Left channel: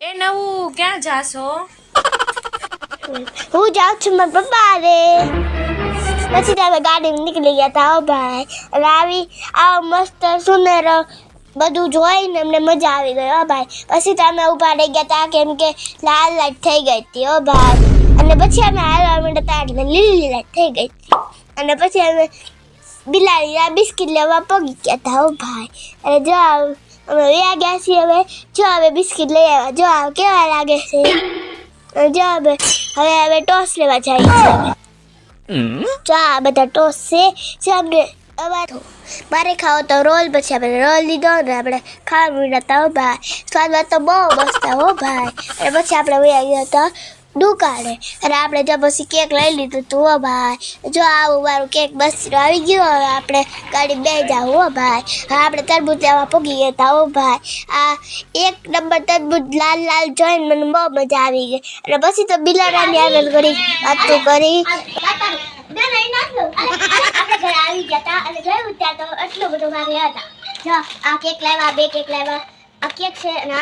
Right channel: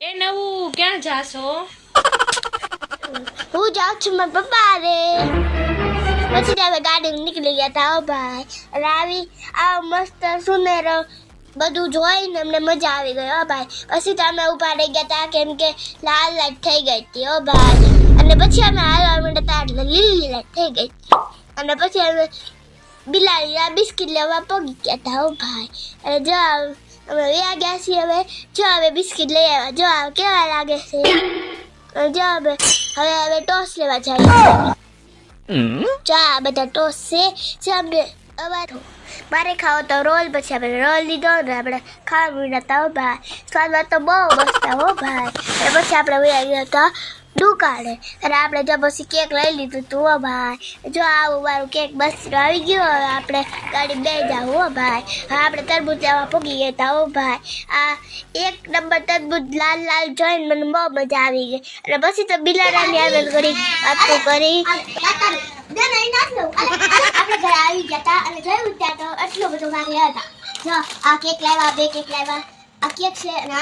એ નવું ક્યાં જાશો? હું જાઉં છું મારા પપ્પા રે. પછી તમે ગાડી નીકળી ગયા હતા હો ભાઈ. અને આ મસ્ત સુનેરો બધું જોઈને અમને મજા આવી ગઈ હો ભાઈ. પછી તમે ઉભા રહી ગયા હતા કેમ કે લાલ લાઈટ થઈ ગઈ હતી હો ભાઈ. અને પછી અમે હાલવા માંડ્યા એટલે લીલી લાઈટ થઈ ગઈ હતી. અને પછી અમે બિલાડીના બિસ્કિટ લેવા પગી ગયા હતા હો ભાઈ. અને જો અમે વ્યા ગયા છીએ જો હવે બિસ્કિટ લઈ આવ્યા. જો કેવા લાગે છે. જો હવે ટોસ લેવા જાય છે. જો આ બધા ટોસ છે જે અમને મારે ખાવો તો રોલ. પછી આપણે રોલ લીધો ને આપણે ખાવા મીઠા હતા હો ભાઈ. સ્વાદમાં તો બહુ મસ્ત હો ભાઈ. અને પછી આપણે વયા ગયા હતા દુકાને. અને આપણે જો પછી કેક લઈ લીધું હતું હો ભાઈ. જો આવું મારું કેક બસ આવી ગયું. હવે આપણે ગાડી બે જાવ હો ભાઈ. હવે આપણે તરબૂચ લેવા પૂગી ગયા હતા હો ભાઈ. આ એક નંબર તરબૂચ લાલ લાલ જોઈને મને બહુ મજા આવી ગઈ. અને પછી તો બિલાડાની આગળ કરી વાતું કરી આપણે ઘરે આવી ગયા હતા. અને જોયું ત્યાં તો એટલો બધો મારે હતા. જો આ કેક લાવ્યા, 2 કેક લાવ્યા. આ કેક છે અને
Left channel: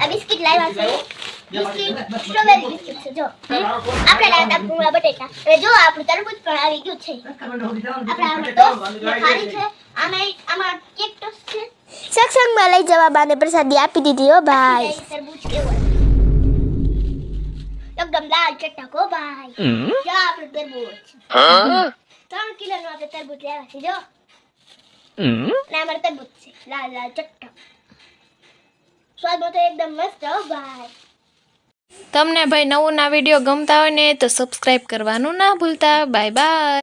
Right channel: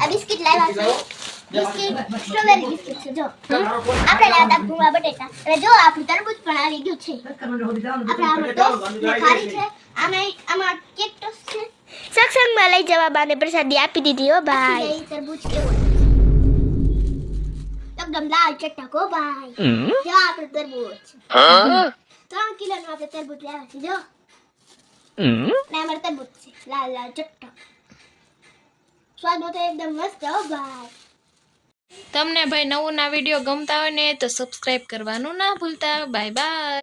આ બિસ્કિટ લાવ્યા છે. બિસ્કિટ સ્ટ્રોબેરી બિસ્કિટ છે. જો આપણે લાવ્યા હતા ભૂંગળા બટેટા. અને જો આપણું તરબૂચ પણ આવી ગયું છે. આપણે આમાં ટોસ્ટ ખારી છે. આમાં કેક ટોસ્ટ છે. સત્સંગમાં લઈ જવા બાને પ્રસાદી આપી દીધી હો ભાઈ. તરબૂચ એકદમ લાલ ચટક હો ભાઈ. જો આપણે તરબૂચ 3 કિલોનું આપણે તરબૂચ લેવા છે. જો અને અમારે તરબૂચ છે લાલ લાલ ચટક. સ્વાદમાં તો એકદમ મસ્ત હો ભાઈ. તમને ભાઈ નવું ના વિડીયો ગમતા હોય ને તો સબસ્ક્રાઇબ કરવાનું ના ભૂલતા. Bye bye.